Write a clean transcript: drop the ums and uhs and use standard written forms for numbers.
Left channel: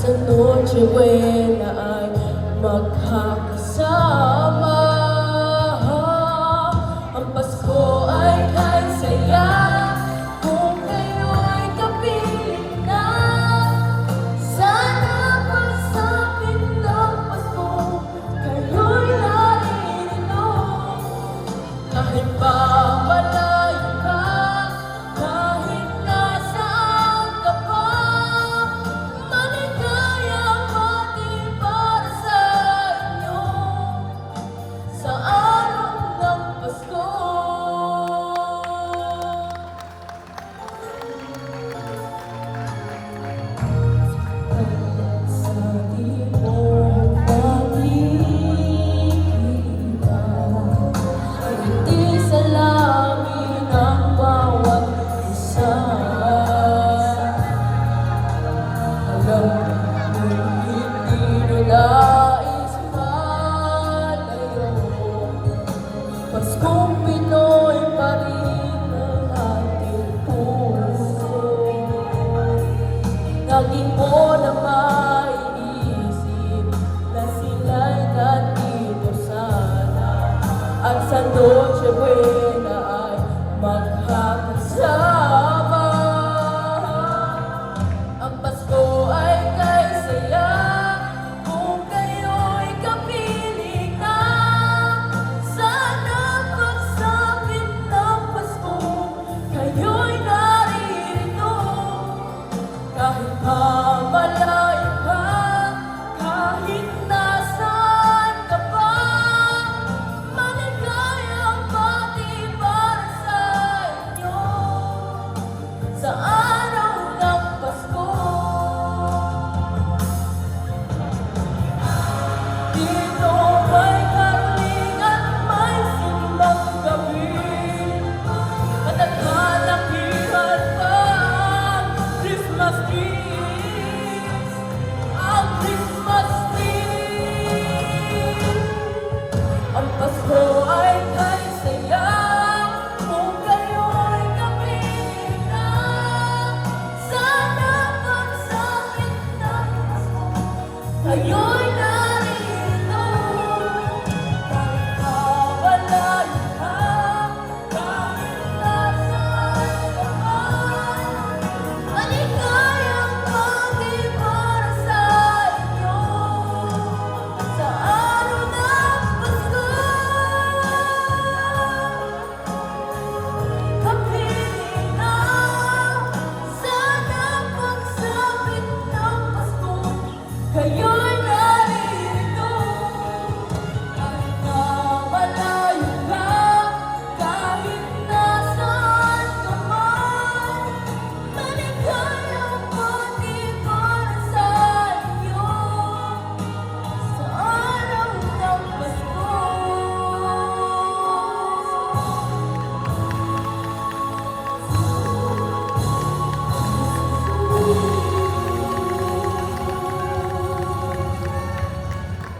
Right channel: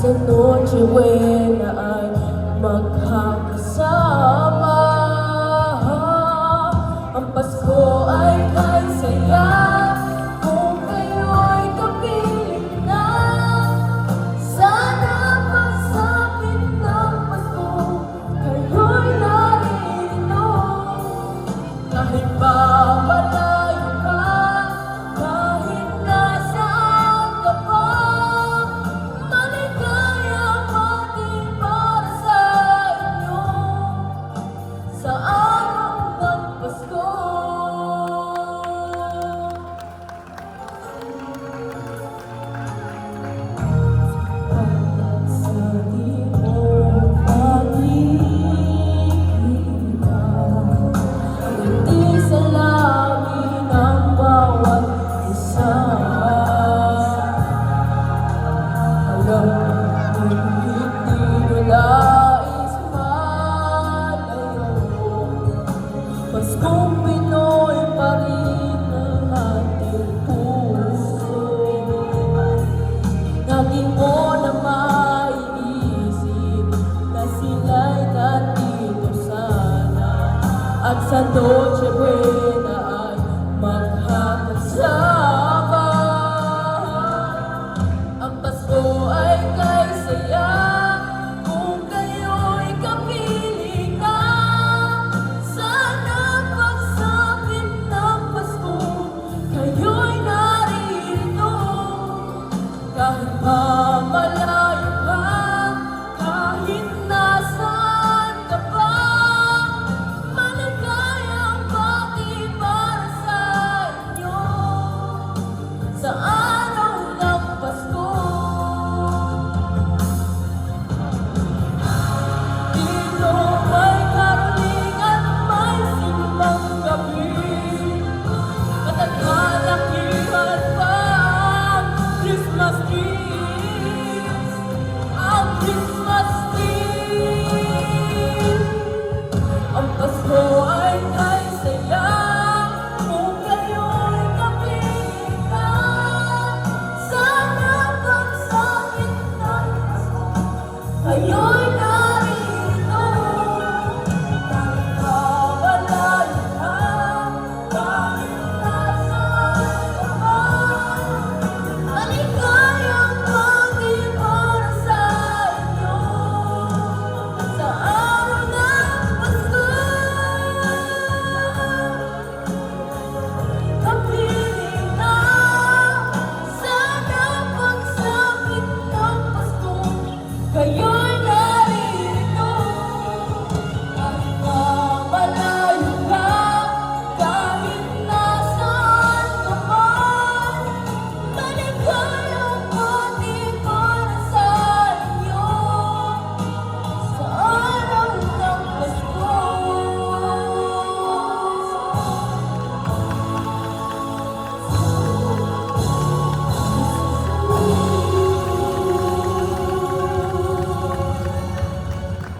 sa Noche Buena ay magkakasama. Ang Pasko ay kay saya kung kayo'y kapiling na. Sana pagsapit ng Pasko kayo'y naririto. Kahit pa malayo ka, kahit nasaan ka pa, maligayang bati para sa inyo sa araw ng Pasko. Sa di mo makikita, hindi sa lamin ang bawat isa. Hanggang hindi nilais malayo, Paskong Pinoy pa rin ang ating puso. Lagi mo na maiisip na sila'y nandito sana, at sa Noche Buena